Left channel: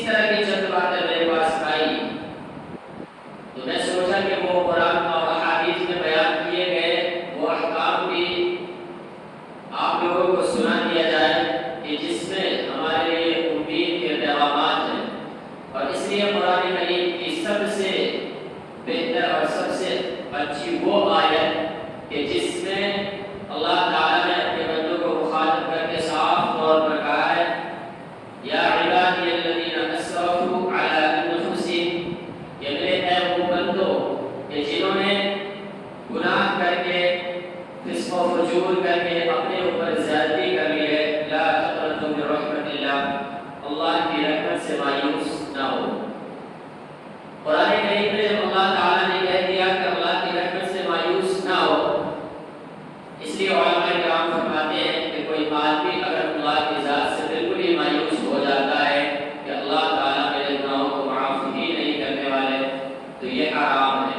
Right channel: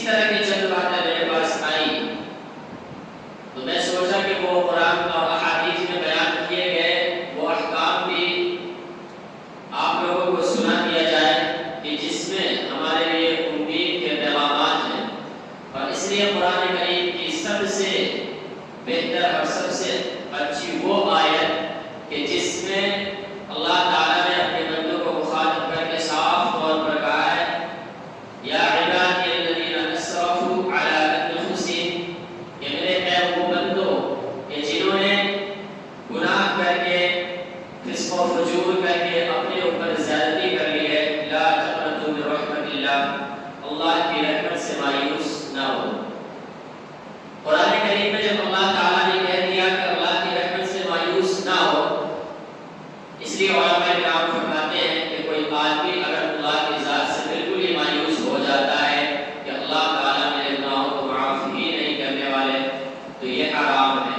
اسی طرح کی چند باتیں میرے پاس آئی تو میں سوچا کہ وہ قرآن اور احادیث میں بیان کیے گئے وہ احکام بھی آپ لوگوں کو سنا دیا جائے کہ جس میں ہمارے لیے امید کے پیغامات ہیں. اور اس لیے قرآن کریم کی سب سے بہتر اور سب سے اچھی وہ آیت کہ جس میں اللہ تعالیٰ نے اپنے بندوں کو مخاطب کر کے صاف طور پر کہا ہے یا عبادی الذین اسرفوا علی انفسہم، کہ میرے اے وہ بندو کہ جنہوں نے گناہ کر کے فسق و فجور کر کے اپنے اوپر زیادتی کر لی ہے، لا تقنطوا من رحمت اللہ، اللہ کی رحمت سے مایوس نہ ہو. قرآن کریم میں جب اللہ تعالیٰ نے کہہ دیا کہ اللہ کی رحمت سے مایوس نہ ہو، اس لیے علماء کرام فرماتے ہیں کہ کوئی آدمی اگر اللہ کی ذات سے بالکل ہی مایوس ہو جاتا ہے کہ اللہ تعالیٰ میرے گناہوں کو معاف ہی نہیں کرنے والے، تو یہ حرام ہے.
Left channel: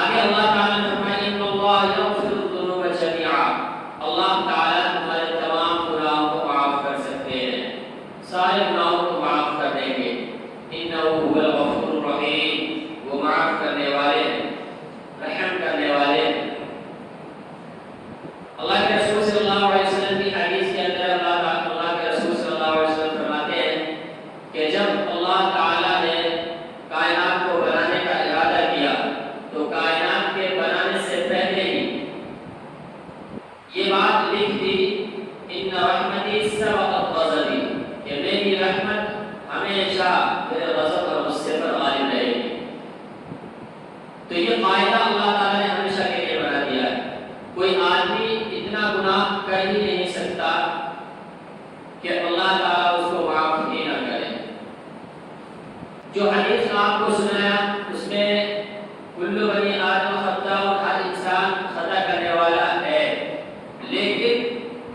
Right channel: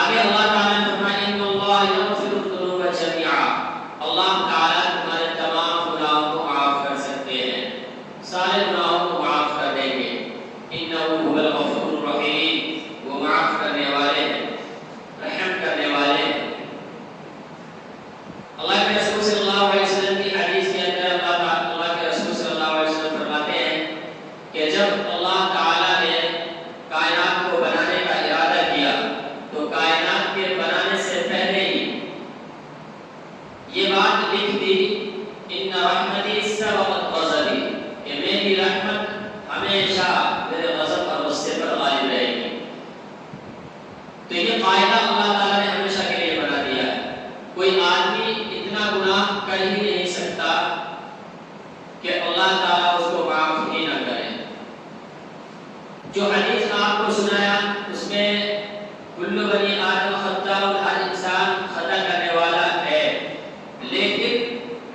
آگے اللہ تعالیٰ نے فرمایا ان اللہ یغفر الذنوب جميعا، اللہ تعالیٰ تمہارے تمام گناہوں کو معاف کر سکتے ہیں، سارے گناہوں کو معاف کر دیں گے. انہ هو الغفور الرحیم، وہ معاف کرنے والے ہیں، رحم کرنے والے ہیں. اللہ کے رسول صلی اللہ علیہ وسلم کی حدیث کے اندر اللہ کے رسول صلی اللہ علیہ وسلم فرماتے ہیں کہ جب اللہ تعالیٰ نے کائنات کو بنانے کا ارادہ کیا تو کائنات کے بنانے سے پہلے ہی یہ بات لکھ دی ان رحمتی سبقت غضبی، کہ میری رحمت ہمیشہ میرے غضب اور غصے پر غالب رہے گی. تو یہ قاعدہ اللہ تعالیٰ نے ہمیشہ کے لیے بنا دیا ہے. کوئی آدمی اتنا گناہ کر ہی نہیں سکتا کہ اللہ تعالیٰ اس کو معاف ہی نہ کرے. جو حدیث میں آپ کو سنایا اس میں کل بنی آدم خطاء، ہر انسان خطا کرنے والا ہے، لیکن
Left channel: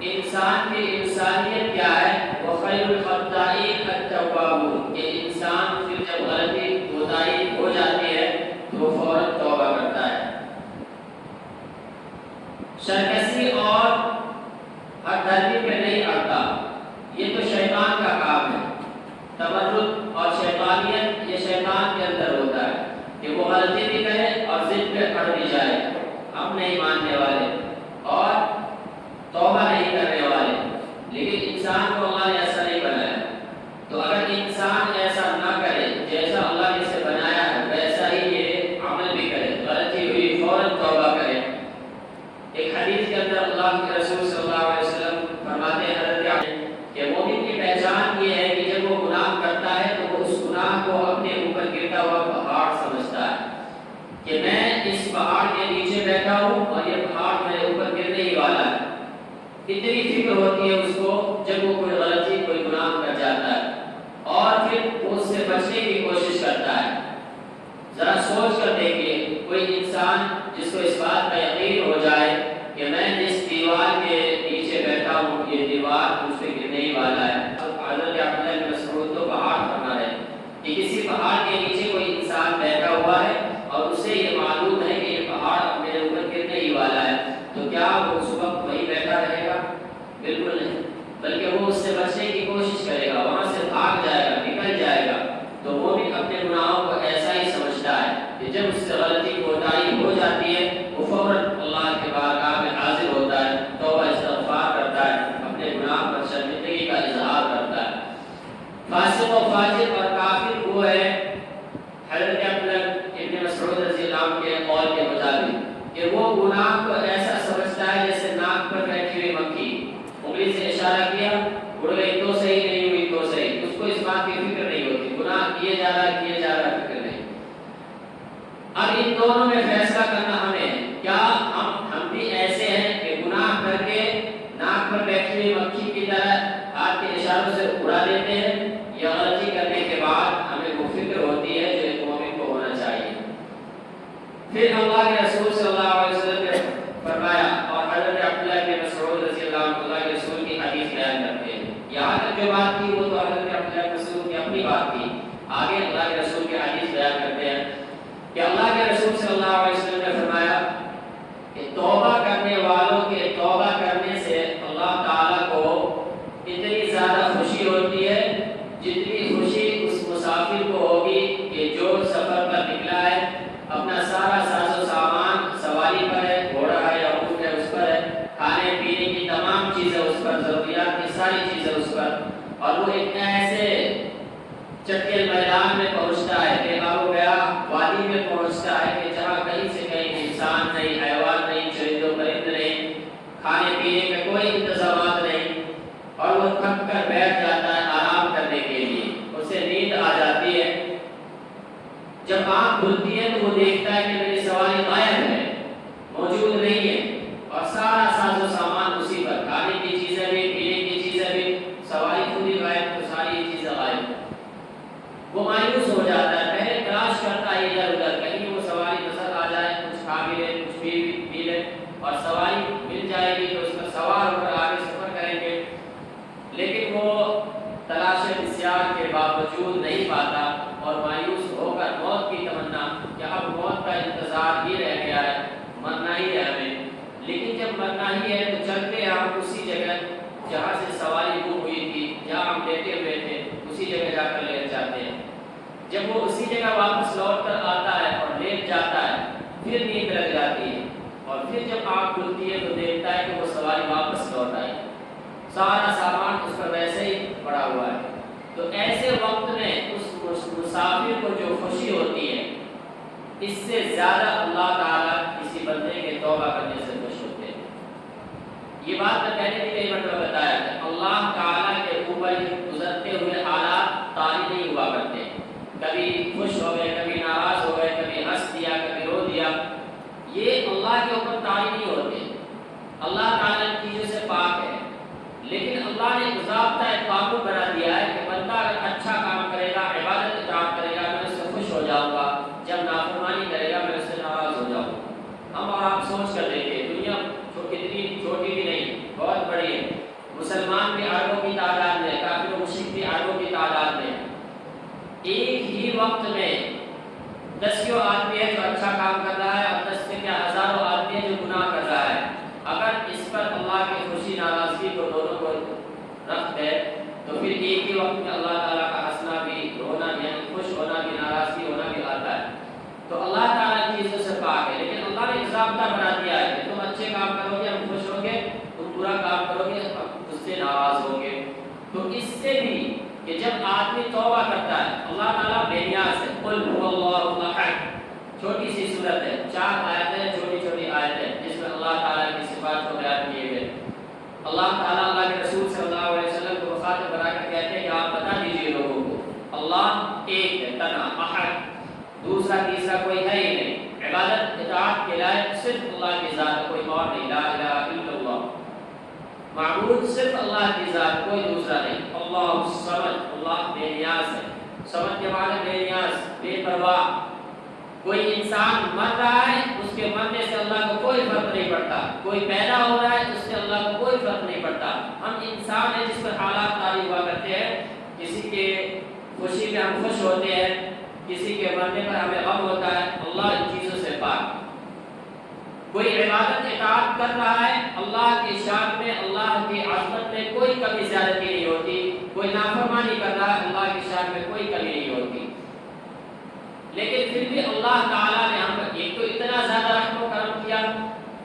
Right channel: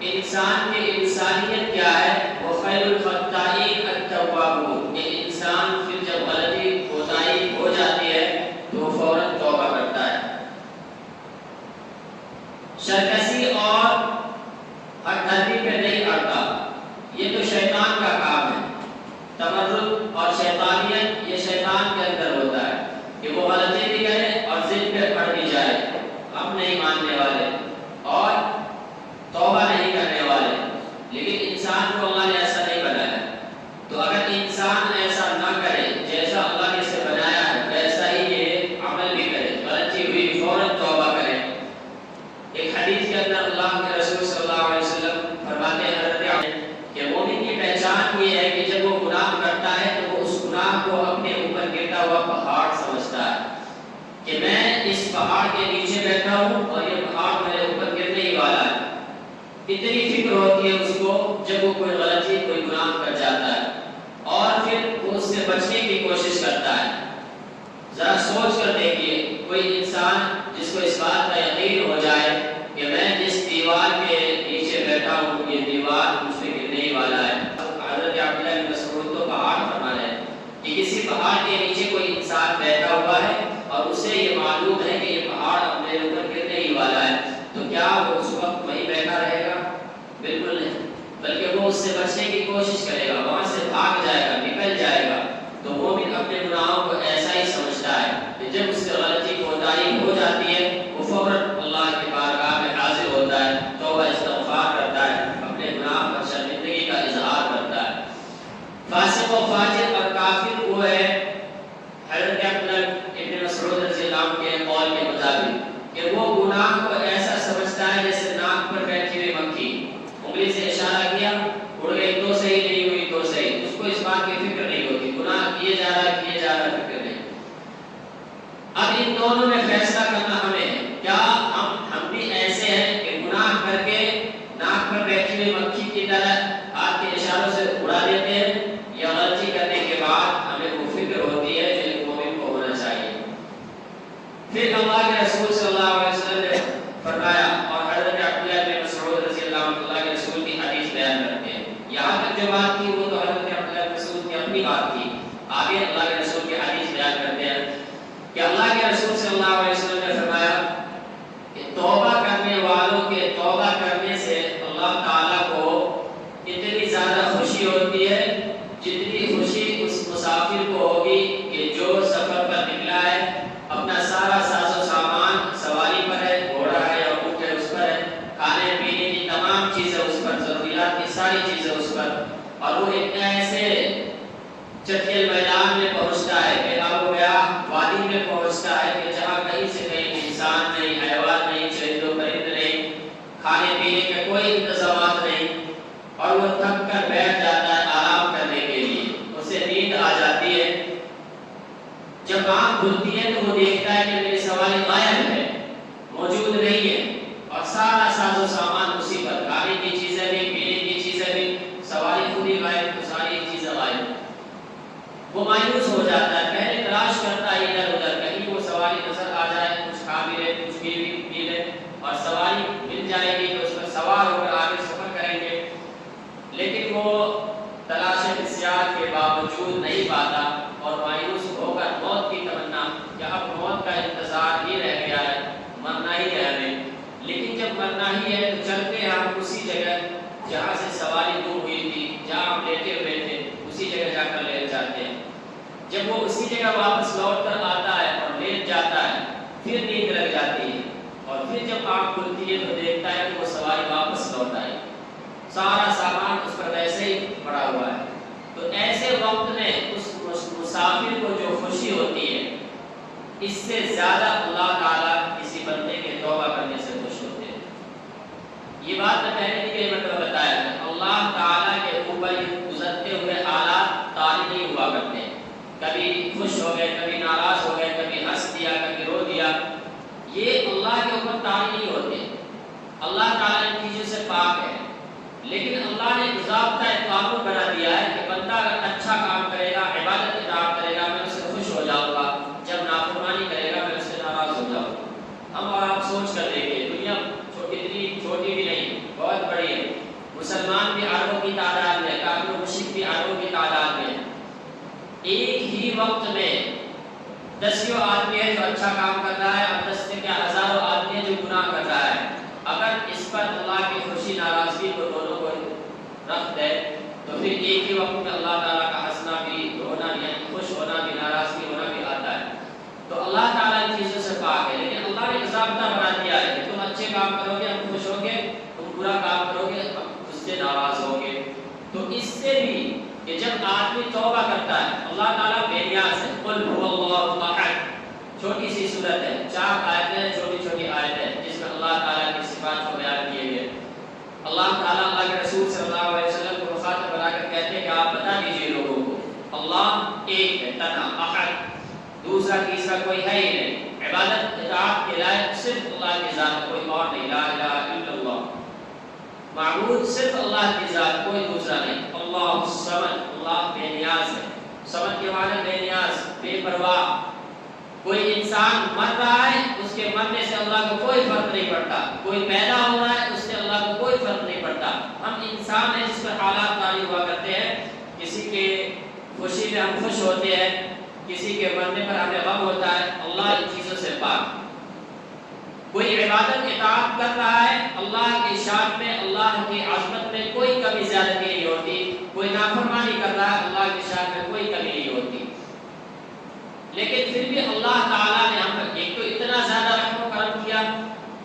انسان کی انسانیت کیا ہے؟ وہ خیر الخطائین التوابون، کہ انسان پھر جب غلطی کوتاہی ہو جاتی ہے تو وہ فوراً توبہ کرتا ہے. سرکشی اور ہر دھرمی پہ نہیں اڑتا، یہ تو شیطان کا کام ہے. تمرد اور شیطانیت یہ شیطان کے اندر ہوتا ہے کہ وہ غلطی بھی کرے اور ضد پہ اڑ بھی جائے، ہم نہیں ماننے والے اور توبہ نہیں کرنے والے. لیکن انسان کو اللہ نے ایسا نہیں بنایا. تو اگر انسان ایسا نہ کرے جیسا اللہ نے اسے بنایا ہے ویسا ہی یہ عمل بھی کرے، غلطی ہوئی فوراً توبہ کرے. ایک حدیث کے اندر اللہ کے رسول صلی اللہ علیہ وسلم فرماتے ہیں حضرت کہ مومن کی پہچان یہ ہے کہ جب وہ گناہ کرتا ہے تو وہ اس گناہ کو اپنے اوپر گرتا ہوا پہاڑ سمجھتا ہے کہ میں اس پہاڑ کے نیچے بیٹھا ہوں اور یہ پہاڑ میرے اوپر گرنے ہی والا ہے. اتنی فکر ہوتی ہے اس کو جب وہ کوئی غلطی کوئی گناہ کر جاتا ہے اور پھر وہ اس سے بچنے کی کوشش کرتا ہے. ذرا سوچ کر دیکھیے کوئی انسان جس کو اس بات کا یقین ہو جائے کہ میں جس دیوار کے نیچے بیٹھا ہوں یہ دیوار مجھ پہ گرنے ہی والا ہے. حضرت عبداللہ بن مسعود تو پہاڑ فرما رہے ہیں کہ کسی پہاڑ کے نیچے کوئی انسان بیٹھا ہوا ہے اور اسے یہ معلوم ہے کہ یہ پہاڑ اپنے اوپر گرنے ہی والا ہے، تو کیا وہ اس وقت وہیں بیٹھا رہے گا؟ بالکل نہیں، بلکہ وہ اس سے بچنے کی کوشش کرے گا، وہاں سے بھاگ جائے گا، نکل جائے گا. تو وہ بھی اپنے گناہوں کو ایسا ہی سمجھتا ہے کہ جب اس سے غلطی کوتاہی ہو جاتی ہے وہ فوراً اللہ کے بارگاہ میں حاضر ہوتا ہے، توبہ استغفار کرتا ہے، اپنے گناہ پر شرمندگی کا اظہار کرتا ہے. فاسق و فاجر اور کافر وہ ہے حضرت عبداللہ ابن مسعود رضی اللہ عنہ کے قول کے مطابق کہ وہ گناہ کو ایسا سمجھتا ہے جیسے ناک پر بیٹھی ہوئی مکھی، انگلی سے اشارہ کیا اڑ گئی تو صحیح، نہیں ہوئی تو صحیح، اس کو اس بات کی فکر نہیں ہوتی، گناہ کیے جا رہا فکر نہیں. اب ان دونوں میں فیصلہ کرنا ہمیں ہے. کیا ہم بھی ایسے ہیں کہ گناہ کر کے ناک پر بیٹھی ہوئی مکھی کی طرح ہاتھ کے اشاروں سے اڑا دیتے ہیں، یا غلطی کرنے کے بعد ہمیں وہ فکر ہوتی ہے جو ایک مومن کو ہونا چاہیے؟ پھر اللہ کے رسول صلی اللہ علیہ وسلم نے فرمایا اور حضرت عبداللہ بن مسعود رضی اللہ عنہ اللہ کے رسول کی حدیث بیان کرتے ہیں. یہاں تک جو بات کی وہ تو حضرت عبداللہ بن مسعود کی اپنی بات تھی. آگے اللہ کے رسول کی حدیث بیان کرتے ہیں کہ اللہ کے رسول صلی اللہ علیہ وسلم نے فرمایا کہ توبہ کرنے والوں کے توبہ کرنے سے اللہ تعالیٰ کو اتنی زیادہ خوشی خوشی ہوتی ہے جتنی خوشی اس مسافر کو ہوگی کہ جو سفر پر نکلا ہے، اپنا سارا ساز و سامان سواری پر ہے، گھوڑا ہے یا اونٹ ہے اس پر ہے، کھانے پینے کی تمام چیزیں اس پر، ضروریات کی ساری چیزیں اس پر، اور وہ ایک ایسے چٹیل میدان میں پہنچتا ہے کہ اب گیا وادی میں پہنچتا ہے کہ جہاں کہیں سے کہیں انسان نہیں، حیوان نہیں، چرند و پرند نہیں، کھانے پینے کے کوئی انتظامات نہیں، اور وہ تھک کر بیٹھ جاتا ہے آرام کرنے کے لیے، اسے نیند آ جاتی ہے۔ جب آنکھ کھلتی ہے تو وہ دیکھتا ہے کہ میری سواری غائب ہے، موجود نہیں ہے، اور سارا ساز و سامان اسی پر، کھانے کی چیزیں بھی، پینے کی چیزیں بھی، سواری خود ہی غائب، تو ساری چیزیں غائب۔ وہ مایوس ہو جاتا ہے، پہلے تلاش کرتا ہے ادھر ادھر، کہیں وہ سواری نظر آ جائے، کچھ کھا بھی لے، کچھ پی لے، اور سواری مل جائے گی تو اس پر سوار ہو کر آگے سفر کریں گے، لیکن وہ تلاش بسیار کے باوجود نہیں پاتا، اور مایوس ہو کر موت کی تمنا کہ اب موت کا انتظار ہی رہ گیا ہے، مرنا ہی ہے ہمیں۔ لیکن جب مرنا ہی ہے تو چلتے ہم اسی جگہ جہاں سے سواری گم ہوئی تھی، جہاں ہم لیٹے ہوئے تھے، اسی جگہ جا کر لیٹ جاتے ہیں۔ جب وہ اسی جگہ واپس لوٹ کر آتا ہے اور لیٹ جاتا ہے، پھر نیند لگ جاتی ہے، اور پھر جب آنکھ کھلتی ہے تو دیکھتا ہے کہ وہ سواری واپس لوٹ آئی، سارا سامان اس پر ویسے ہی پڑا ہوا ہے۔ تو ایسے وقت میں اس مسافر کو جو خوشی ہوتی ہے، اس سے زیادہ اللہ تعالیٰ کسی بندے کے توبہ کرنے سے خوش ہوتے ہیں۔ یہ بات میں پہلے بھی کئی مرتبہ بتایا کہ اللہ تعالیٰ کے اوپر گزرتے ہوئے حالات طاری نہیں ہوا کرتے، کبھی خوش ہو گئے، کبھی ناراض ہو گئے، کبھی ہنس دیا، کبھی رو دیا، یہ اللہ کے اوپر طاری نہیں ہوتے۔ اللہ تعالیٰ ان چیزوں سے پاک ہے، لیکن اللہ نے ضابطہ قانون بنا دیا ہے کہ بندہ اگر اچھا کام کرے گا، عبادت اطاعت کرے گا، میں اس سے خوش ہو جاؤں گا، جب نافرمانی کرے گا میں اس سے ناراض ہو جاؤں گا۔ ہم اور آپ سوچ کر دیکھیں، دنیا اتنی چھوٹی بھی نہیں، بہت بڑی ہے، مسلمان بھی اربوں کی تعداد میں، کافر و مشرک بھی اربوں کی تعداد میں، ایک ہی وقت میں 10 آدمی ہے جو اچھا کام کر رہا ہے، اور 10 سے کیا ہزاروں آدمی ہے جو گناہ کر رہا ہے۔ اگر اس پر اللہ کی خوشی ناراضگی کو دونوں کو رکھ دے تو پھر ایک ہی وقت میں اللہ تعالیٰ کا ہنسنا بھی، رونا بھی، یعنی خوش ہونا بھی، ناراضگی ہونا بھی آتا ہے۔ تو اللہ تعالیٰ ان چیزوں سے پاک ہے، لیکن اللہ نے ضابطہ بنا دیا ہے کہ تم اچھے کام کرو گے ہم خوش ہوں گے، تم برا کام کرو گے ہم اس سے ناراض ہوں گے۔ تو اس سے بھی کہ جب آدمی توبہ کرتا ہے، اللہ تعالیٰ بے نیاز ہے، قل هو اللہ احد، چھوٹی سی صورت ہے، 4 آیتیں، چھوٹی چھوٹی آیتیں جس میں اللہ تعالیٰ کی صفات کو بیان کیے گئے۔ اللہ تعالیٰ اللہ کے رسول صلی اللہ علیہ وسلم کو مخاطب بنا کر کہتے ہیں کہ آپ بتا دیجئے لوگوں کو اللہ ایک ہے، تنا، احد، دوسرا تیسرا کوئی ہے ہی نہیں، عبادت اطاعت کے لائق صرف اللہ کی ذات، کوئی اور نہیں، لا الہ الا اللہ، معبود صرف اللہ کی ذات، کوئی دوسرا نہیں۔ اللہ الصمد، اللہ بے نیاز ہے، صمد کے معنی بے نیاز، بے پرواہ۔ کوئی انسان مر رہا ہے، اس کے مرنے سے اللہ کو کوئی فرق نہیں پڑتا، کوئی پیدا ہو رہا ہے اس سے اللہ کو کوئی فرق نہیں پڑتا۔ ہم انسان ہیں جس پر حالات طاری ہوا کرتے ہیں، کسی کے خوشی میں ہم خوش ہوتے ہیں، کسی کے مرنے پر ہمیں غم ہوتا ہے، اللہ ان چیزوں سے پاک۔ کوئی عبادت اطاعت کر رہا ہے، اللہ کی شان میں، اللہ کی عظمت میں کوئی کمی زیادتی نہیں ہوتی، کوئی نافرمانی کر رہا ہے، اللہ کی شان میں کوئی کمی نہیں ہوتی، لیکن پھر بھی اللہ تعالیٰ نے ہم پر ایک تو اتنا زیادہ رحم و کرم کیا،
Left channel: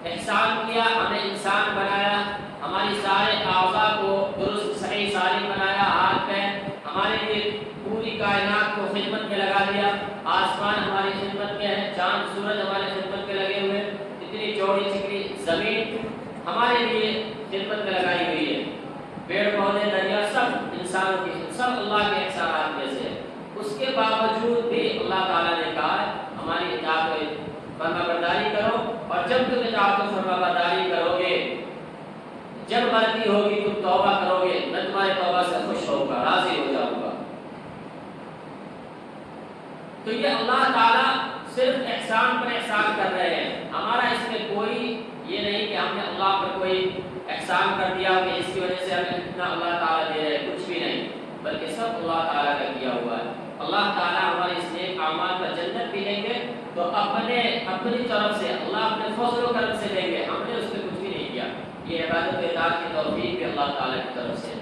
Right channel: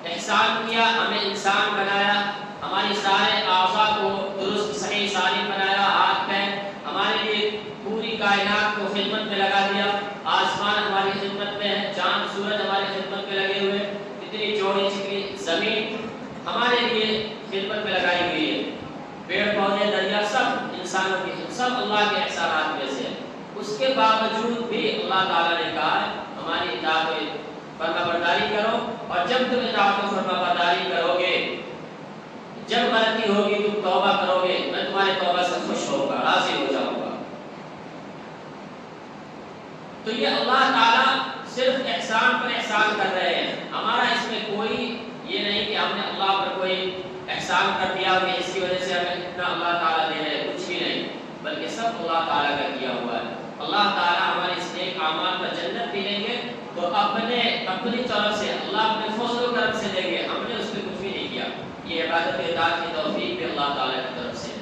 احسان کیا، ہمیں انسان بنایا، ہماری سارے اعضاء کو درست صحیح سالم بنایا، ہاتھ پیر ہمارے لیے پوری کائنات کو خدمت میں لگا دیا، آسمان ہماری خدمت میں ہے، چاند سورج ہماری خدمت میں لگے ہوئے، اتنی چوڑی چکری زمین ہمارے لیے خدمت میں لگائی ہوئی ہے، پیڑ پودے دریا سب انسانوں کی، سب اللہ کے احسانات میں سے۔ اس کے باوجود بھی اللہ تعالیٰ نے کہا ہے ہماری اطاعت و فرما برداری کرو، اور جب تم اطاعت و فرما برداری کرو گے، جب غلطی ہوگی تم توبہ کرو گے، میں تمہارے توبہ سے خوش ہوں گا، راضی ہو جاؤں گا۔ تو یہ اللہ تعالیٰ صرف احسان پر احسان کر رہے ہیں، ہمارا اس میں کوئی یہ نہیں کہ ہم نے اللہ پر کوئی احسان کر دیا کہ اس کی وجہ سے ہمیں اتنا اللہ تعالیٰ دے رہے، کچھ بھی نہیں، بلکہ سب اللہ تعالیٰ کا کیا ہوا ہے۔ اللہ تعالیٰ ہمارے اس نیک اعمال پر جنت بھی لیں گے تو اپنی طرف سے، اللہ اپنے فضل و کرم سے لیں گے، ہم نے اس میں کچھ بھی نہیں کیا، یہ عبادت اطاعت کی توفیق بھی اللہ تعالیٰ کی طرف سے۔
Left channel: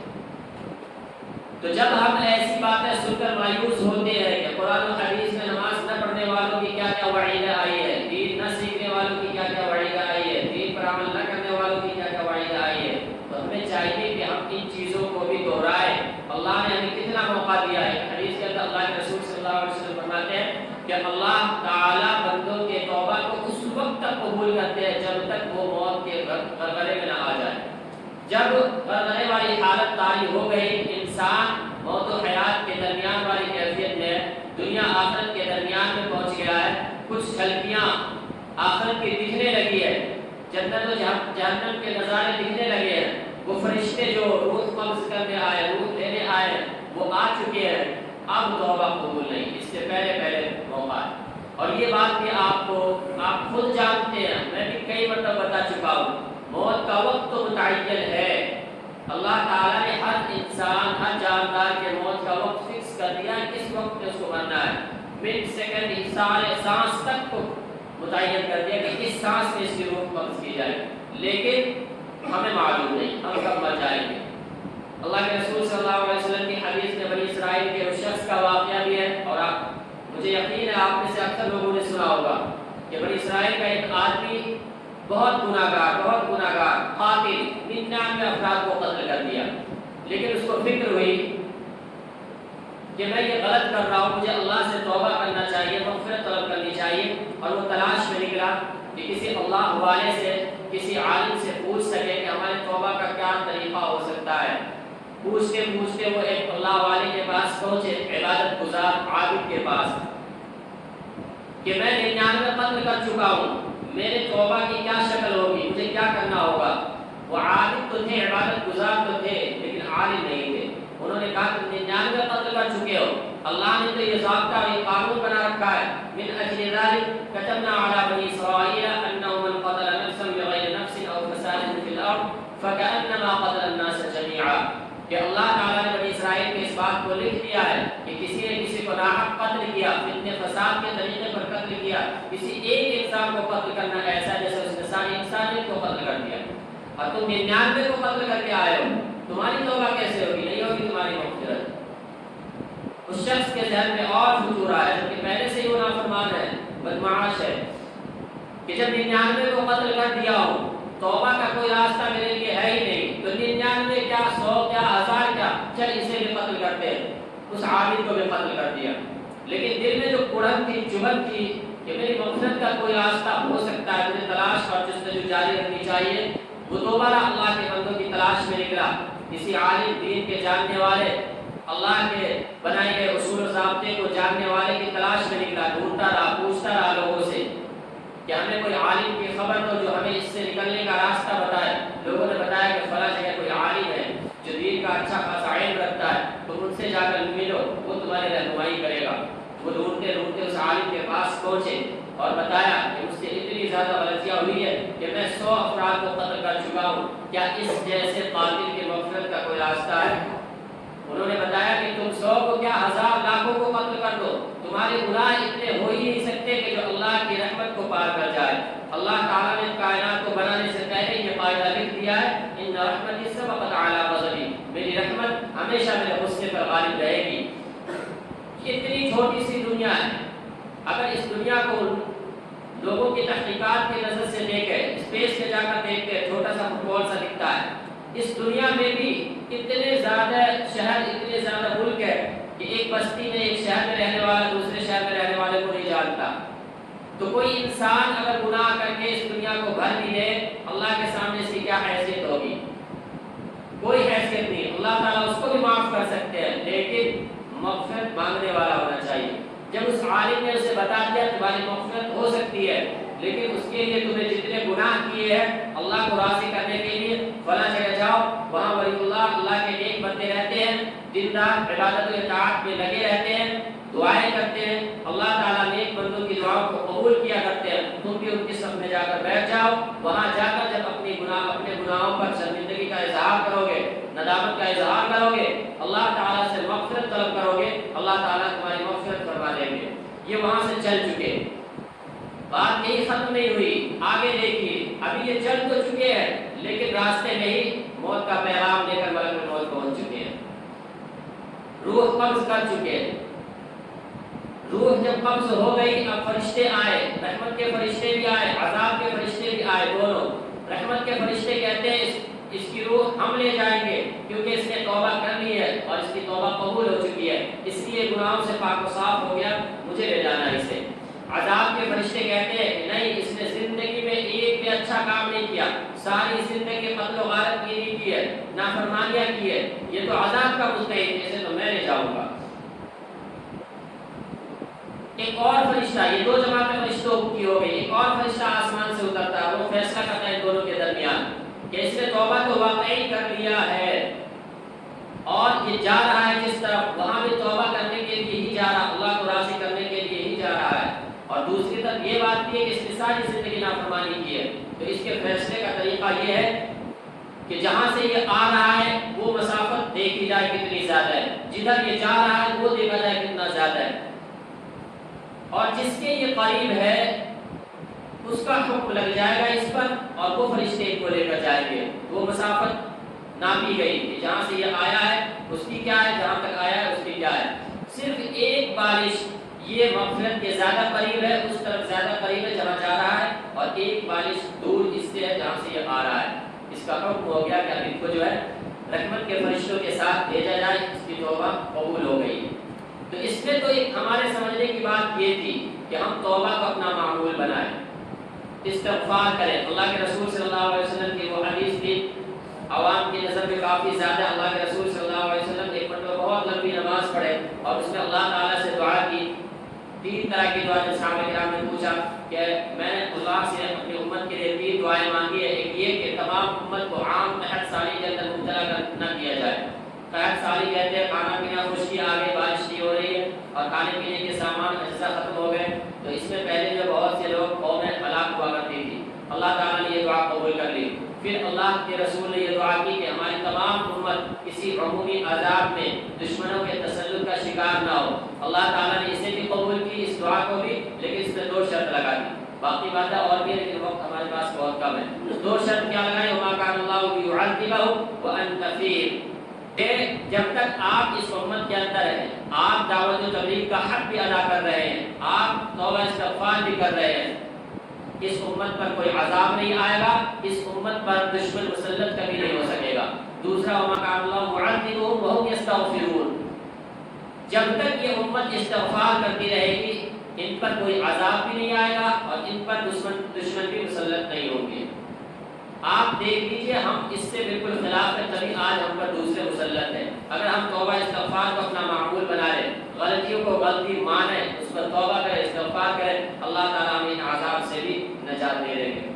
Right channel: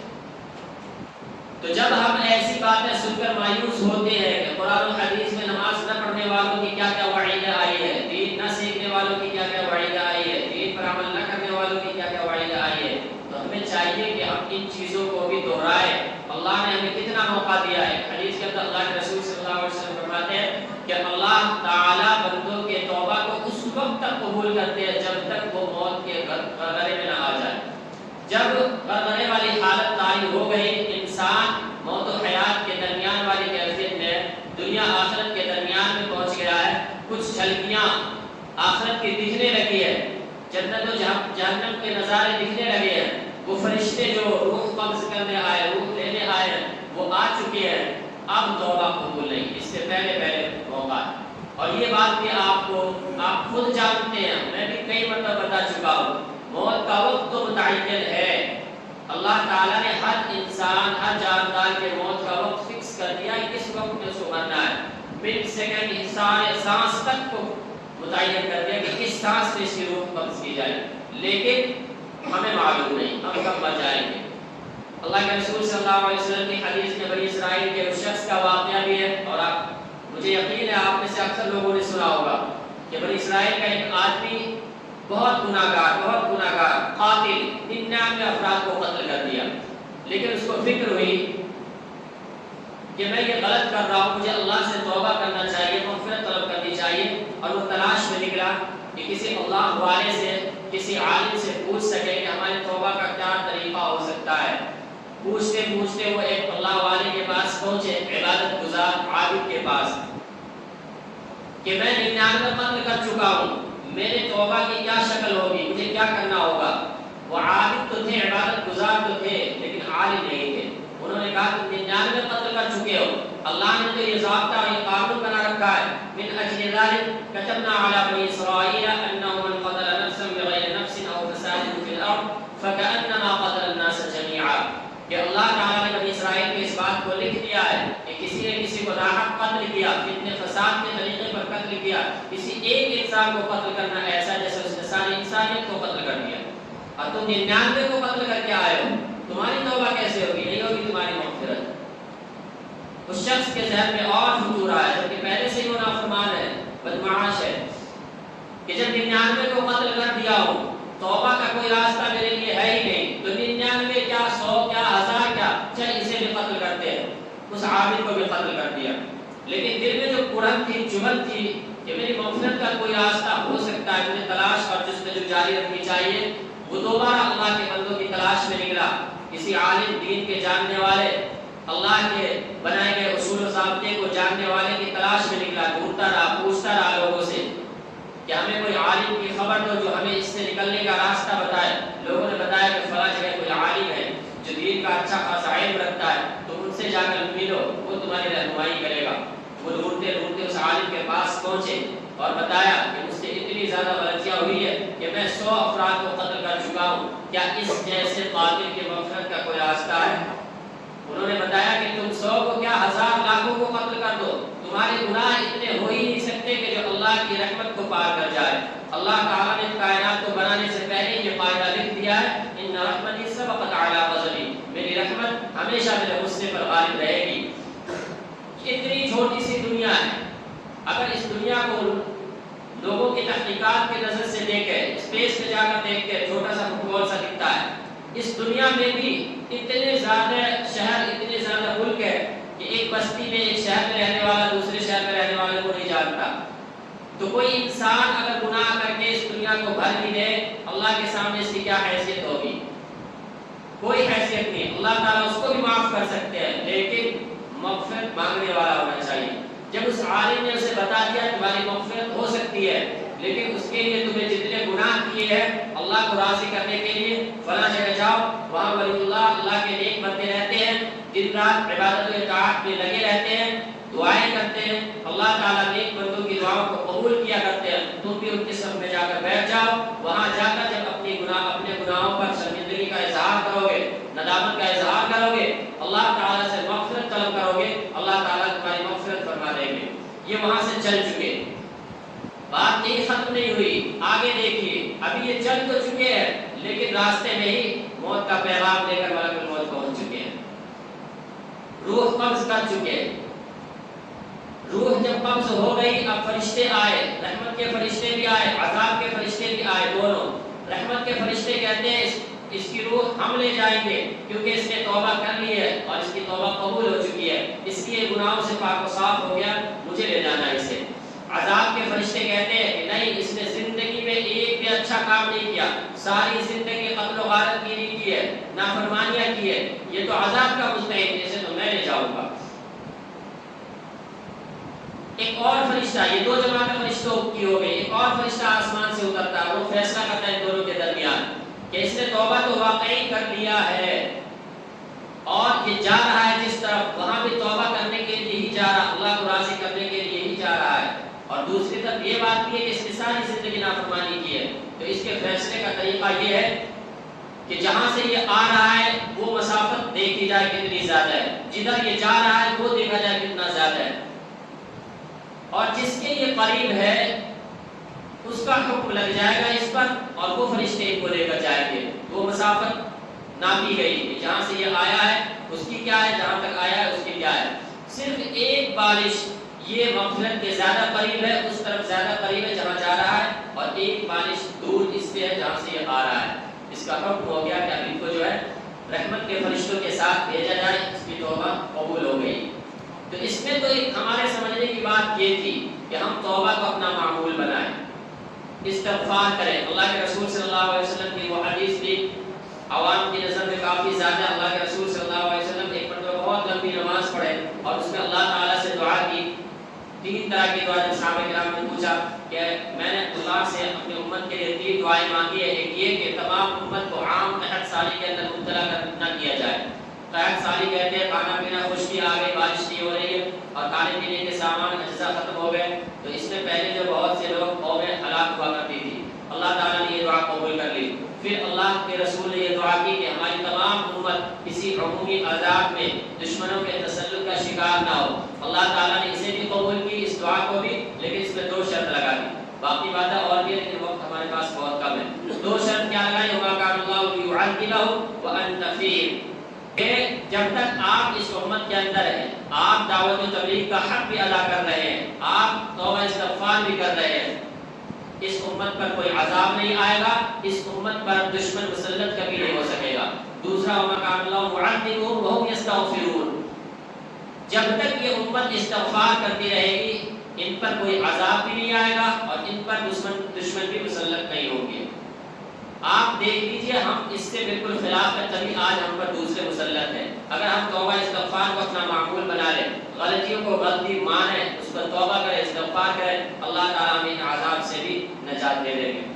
تو جب ہم ایسی باتیں سن کر مایوس ہوتے ہیں کہ قرآن و حدیث میں نماز نہ پڑھنے والوں کی کیا کیا وعید آئی ہے، دین نہ سیکھنے والوں کی کیا کیا وعید آئی ہے، دین پر عمل نہ کرنے والوں کی کیا کیا وعید آئی ہے، تو ہمیں چاہیے کہ ہم ان چیزوں کو بھی دہرائیں۔ اللہ نے ہمیں کتنا موقع دیا ہے، حدیث کے اندر اللہ کے رسول صلی اللہ علیہ وسلم فرماتے ہیں کہ اللہ تعالیٰ بندوں کے توبہ کو اس وقت تک قبول کرتے ہیں جب تک وہ موت کے غرغرے میں نہ آ جائے۔ جب غرغرے والی حالت طاری ہو گئی، انسان موت و حیات کے درمیان والی کیفیت میں، دنیا آخرت کے درمیان میں پہنچ گیا ہے، کچھ جھلکیاں آخرت کی دکھنے لگی ہے، جنت و جہنم کے نظارے دکھنے لگے ہیں، وہ فرشتے جو روح قبض کرنے آئے، روح لینے آئے، وہ آ چکے ہیں، اب توبہ قبول نہیں، اس سے پہلے موقع ہے۔ اور یہ بات بھی آپ خود جانتے ہیں، میں بھی کئی مرتبہ بتا چکا ہوں، موت کا وقت تو متعین ہے، اللہ تعالیٰ نے ہر انسان، ہر جاندار کے موت کا وقت فکس کر دیا ہے، کس وقت میں اس کو مرنا ہے، منٹ سیکنڈ سانس تک کو متعین کر دیا کہ اس سانس میں اس کی روح قبض کی جائے، لیکن ہمیں معلوم نہیں ہم کب مر جائیں گے۔ اللہ کے رسول صلی اللہ علیہ وسلم کی حدیث میں بنی اسرائیل کے اس شخص کا واقعہ بھی ہے، اور مجھے یقین ہے آپ میں سے اکثر لوگوں نے سنا ہوگا کہ بنی اسرائیل کا ایک آدمی بہت گناہگار قاتل 99 افراد کو قتل کر دیا، لیکن اس کو فکر ہوئی کہ میں یہ غلط کر رہا ہوں، مجھے اللہ سے توبہ کرنا چاہیے، مغفرت طلب کرنی چاہیے، اور وہ تلاش میں نکلا کہ کسی اللہ والے سے، کسی عالم سے پوچھ سکے کہ ہمارے توبہ کا کیا طریقہ ہو سکتا ہے۔ پوچھتے وہ ایک اللہ والے کے پاس پہنچے، عبادت گزار عابد کے پاس، کہ میں 99 قتل کر چکا ہوں، میرے توبہ کی کیا شکل ہوگی، مجھے کیا کرنا ہوگا۔ وہ عابد تو تھے، عبادت گزار تو تھے، لیکن عالم نہیں تھے۔ انہوں نے کہا کہ 99 قتل کر چکے ہو، اللہ نے تو یہ ضابطہ اور یہ قانون بنا رکھا ہے، من اجل ذلك كتبنا على بني اسرائيل انه من قتل نفسا بغير نفس او فساد في الارض فكانما قتل الناس جميعا، کہ اللہ تعالیٰ نے بنی اسرائیل کے اس بات کو لکھ دیا ہے کہ کسی نے کسی کو ناحق قتل کیا، فتنے فساد کے طریقے پر قتل کیا، کسی ایک انسان کو قتل کرنا ایسا جیسے اس نے ساری انسانیت کو قتل کر دیا، اور تم 99 کو قتل کر کے آئے ہو، تمہاری توبہ کیسے ہوگی، نہیں ہوگی تمہاری مغفرت۔ اس شخص کے ذہن میں اور فجور آیا، جبکہ پہلے سے ہی وہ نافرمان ہے، بدمعاش ہے، کہ جب 99 کو قتل کر دیا ہو، توبہ کا کوئی راستہ میرے لیے ہے ہی نہیں، تو 99 کیا 100 کیا 1000 کیا، چل اسے بھی قتل کرتے ہیں۔ اس عابد کو بھی قتل کر دیا، لیکن دل میں جو کڑن تھی، چبھن تھی کہ میری مغفرت کا کوئی راستہ ہو سکتا ہے، مجھے تلاش اور جستجو جاری رکھنی چاہیے، وہ دوبارہ اللہ کے بندوں کی تلاش میں نکلا، کسی عالم دین کے جاننے والے، اللہ کے بنائے گئے اصول و ضابطے کو جاننے والے کی تلاش میں نکلا، ڈھونڈتا رہا، پوچھتا رہا لوگوں سے کہ ہمیں کوئی عالم کی خبر دو جو ہمیں اس سے نکلنے کا راستہ بتائے۔ لوگوں نے بتایا کہ فلاں جگہ کوئی عالم ہے جو دین کا اچھا خاصا علم رکھتا ہے، تم ان سے جا کر ملو، وہ تمہاری رہنمائی کرے گا۔ وہ ڈھونڈتے ڈھونڈتے اس عالم کے پاس پہنچے اور بتایا کہ مجھ سے اتنی زیادہ غلطیاں ہوئی ہے کہ میں 100 افراد کو قتل کر چکا ہوں، کیا اس جیسے قاتل کی مغفرت کا کوئی راستہ ہے؟ انہوں نے بتایا کہ تم 100 کو کیا 1000 لاکھوں کو قتل کر دو، تمہارے گناہ اتنے ہو ہی نہیں سکتے کہ جو اللہ کی رحمت کو پار کر جائے۔ اللہ تعالیٰ نے کائنات کو بنانے سے پہلے یہ قاعدہ لکھ دیا ہے، ان رحمتی سبقت اعلی غضبی، میری رحمت ہمیشہ میرے غصے پر غالب رہے گی۔ اتنی چھوٹی سی دنیا ہے، اگر اس دنیا کو لوگوں کی تحقیقات کی نظر سے دیکھے، اسپیس میں جا کر دیکھتے چھوٹا سا فٹ بال سا دکھتا ہے، اس دنیا میں بھی اتنے زیادہ شہر، اتنے زیادہ ملک ہے کہ ایک بستی میں ایک شہر میں رہنے والا دوسرے شہر میں رہنے والے کو نہیں جانتا۔ تو کوئی انسان اگر گناہ کر کے اس دنیا کو بھر بھی دے، اللہ کے سامنے اس کی کیا حیثیت ہوگی؟ کوئی حیثیت نہیں۔ اللہ تعالیٰ اس کو بھی معاف کر سکتے ہیں، لیکن مغفرت مانگنے والا ہونا چاہیے۔ جب اس عالم نے اسے بتا دیا تمہاری مغفرت ہو سکتی ہے، لیکن اس کے لیے تمہیں جتنے گناہ کیے ہیں اللہ کو راضی کرنے کے لیے فلاں جگہ جاؤ، وہاں ولی اللہ کے نیک بندے رہتے ہیں، دن رات عبادت و اطاعت میں لگے رہتے ہیں، دعائیں کرتے ہیں، اللہ تعالیٰ نیک بندوں کی دعاؤں کو قبول کیا کرتے ہیں، تم بھی ان کی صف میں جا کر بیٹھ جاؤ، وہاں جا کر جب اپنے گناہوں پر شرمندگی کا اظہار کرو گے، ندامت کا اظہار کرو گے، اللہ تعالیٰ سے مغفرت طلب کرو گے، اللہ تعالیٰ تمہاری مغفرت فرما دیں گے۔ یہ وہاں سے چل چکے، بات یہی ختم نہیں ہوئی، آگے دیکھیے، ابھی یہ چل تو چکے ہیں لیکن راستے میں ہی موت کا پیغام دے کر ملک الموت پہنچ چکے ہیں۔ روح قبض کر چکے. روح جب قبض ہو گئی اب فرشتے آئے, رحمت کے فرشتے بھی آئے, عذاب کے فرشتے بھی آئے دونوں. رحمت کے فرشتے کہتے ہیں اس کی روح ہم لے جائیں گے کیونکہ اس نے توبہ کر لی ہے اور اس کی توبہ قبول ہو چکی ہے, اس لیے گناہوں سے پاک و صاف ہو گیا, مجھے لے جانا ہے اسے. عذاب کے فرشتے کہتے ہیں کہ نہیں, اس نے زندگی میں ایک بھی اچھا کام نہیں کیا, ساری زندگی قتل و غارت کی نہیں کی ہے, نافرمانیاں کی ہے, یہ تو عذاب کا مستحق ہے, اسے تو میں لے جاؤں گا. ایک اور فرشتہ, یہ دو جماعتیں فرشتوں کی ہو گئی, ایک اور فرشتہ آسمان سے اترتا ہے, وہ فیصلہ کرتا ہے دونوں کے درمیان کہ اس نے توبہ تو واقعی کر لیا ہے اور یہ جا رہا ہے جس طرف, وہاں بھی توبہ کرنے کے لیے ہی جا رہا, اللہ کو راضی کرنے کے لیے ہی جا رہا ہے, اور دوسری طرف یہ بات بھی ہے کہ اس نے ساری زندگی نافرمانی کی ہے. تو اس کے فیصلے کا طریقہ یہ ہے کہ جہاں سے یہ آ رہا ہے وہ مسافت دیکھی جائے کتنی زیادہ ہے, جدھر یہ جا رہا ہے وہ دیکھا جائے کتنا زیادہ ہے, اور جس کے یہ قریب ہے اس کا حکم لگ جائے گا اس پر اور وہ فرشتے کو لے کر جائیں گے. وہ مسافت ناپی گئی کہ جہاں سے یہ آیا ہے اس کی کیا ہے, جہاں تک آیا ہے اس کی کیا ہے. صرف ایک بارش یہ مغفرت کے زیادہ قریب ہے, اس طرف زیادہ قریب ہے جہاں جا رہا ہے, اور ایک بارش دور اس سے ہے جہاں سے یہ آ رہا ہے. اس کا حکم ہو گیا کہ اب ان کو جو ہے رحمت کے فرشتوں کے ساتھ بھیجا جائے, اس کی توبہ قبول ہو گئی. تو اس میں تو ایک ہمارے سمجھنے کی بات یہ تھی کہ ہم توبہ کو اپنا معمول بنائیں, استغفار کریں. اللہ کے رسول صلی اللہ علیہ وسلم کی وہ حدیث تھی, عوام کی نظر میں کافی زیادہ, اللہ کے رسول صلی اللہ علیہ وسلم ایک مرتبہ بہت لمبی نماز پڑھے اور اس میں اللہ تعالیٰ سے دعا کی. 3 طرح کی دعا, جب صحابہ کرام نے پوچھا کہ میں نے اللہ سے اپنی امت کے لیے 3 دعائیں مانگی ہے, ایک یہ کہ تمام امت کو عام قحط سالی کے اندر مبتلا نہ کیا جائے. قحط سالی کہتے ہیں کھانا پینا خشکی آ گئی, بارش نہیں ہو رہی ہے اور کھانے پینے کے سامان اجزاء ختم ہو گئے, تو اس میں پہلے جو بہت سے لوگ قومیں ہلاک ہوا کرتی تھی, اللہ تعالیٰ نے یہ دعا قبول کر لی. پھر اللہ کے رسول نے یہ دعا کی کہ ہماری تمام امت کسی عمومی عذاب میں دشمنوں کے تسلط کا شکار نہ ہو. اللہ تعالیٰ نے اسے بھی قبول کی, اس دعا کو بھی, لیکن اس میں 2 شرط لگا دی. باقی باتیں اور بھی, لیکن وقت ہمارے پاس بہت کم ہے. 2 شرط کیا لگائی, وما کان اللہ لیعذبہم وانت فیہم, کہ جب تک آپ اس امت کے اندر ہیں, آپ دعوت و تبلیغ کا حق بھی ادا کر رہے ہیں, آپ توبہ استغفار بھی کر رہے ہیں, اس امت پر کوئی عذاب نہیں آئے گا, اس امت پر دشمن مسلط کبھی نہیں ہو سکے گا. دوسرا, وما کان اللہ معذبہم وہم یستغفرون, جب تک یہ امت استغفار کرتی رہے گی ان پر کوئی عذاب بھی نہیں آئے گا اور ان پر دشمن بھی مسلط نہیں ہوں گے. آپ دیکھ لیجئے, ہم اس سے بالکل خلاف ہے, تبھی آج ہم پر دوسرے مسلط ہیں. اگر ہم توبہ استغفار کو اپنا معمول بنا لیں, غلطیوں کو غلطی مانیں, اس پر توبہ کریں, استغفار کریں, اللہ تعالیٰ ہمیں ان عذاب سے بھی نجات دے دیں گے.